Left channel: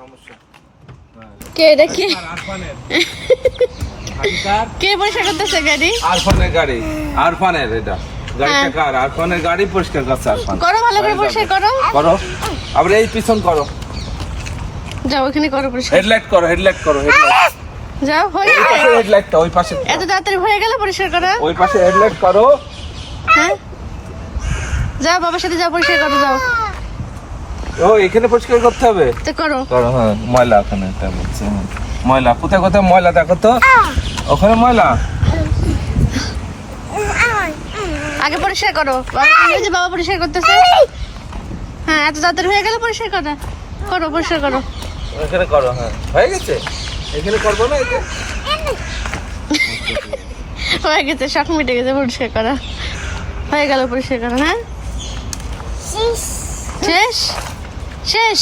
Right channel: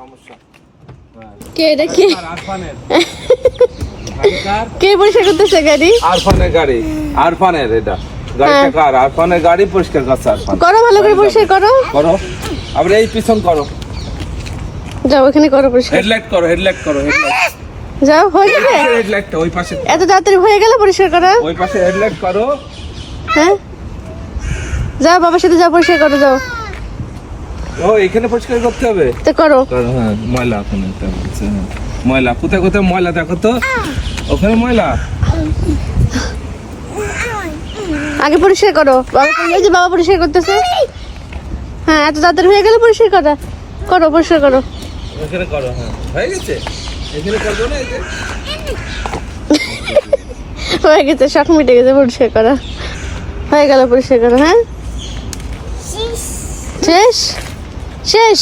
সমস্যা। কে এটা কি কে পরিষ্কার করতেছে গাড়ি? আরফানের গাড়ি, আরফানের এটা গাড়িটা কার? আরফানের গাড়ি পরিষ্কার করছে আরফান। করো বলে পরিষ্কার করো। করো আবার এই পিছন করো, যাও ওখানে করো পরিষ্কার। হেডলাইট করো, হেডলাইট করো, হেডলাইট। যাও হয়ে ওই গেল। পাশে হেডলাইটটা, ওই পাশে, এত তাড়াতাড়ি হয়ে গেল পরিষ্কার করা? ওই পাশে হেডলাইট করো। হ্যাঁ যাও বাবার সাথে যাও পরিষ্কার করো যাও। ও এখানে পরিষ্কার করতে হবে তো করো। করো। হ্যাঁ ময়লা ওখানে, তাই বলছে। হ্যাঁ ময়লা কোথায় কোথায় ময়লা দেখো তো, ওখানে ময়লা। আগে পরিষ্কার করো। বাবা ওই যে বাবা পরিষ্কার করতেছে। হ্যাঁ এত তাড়াতাড়ি হয়ে গেল পরিষ্কার করা। করো পরিষ্কার করো। এখানে করো। হ্যাঁ হয়ে গেছে, এখানে করবো না? এই যে হয়ে গেছে, শখ মিটে গেছে পরিষ্কার করা। হয়ে গেল পরিষ্কার করা। হ্যাঁ শেষ শেষ।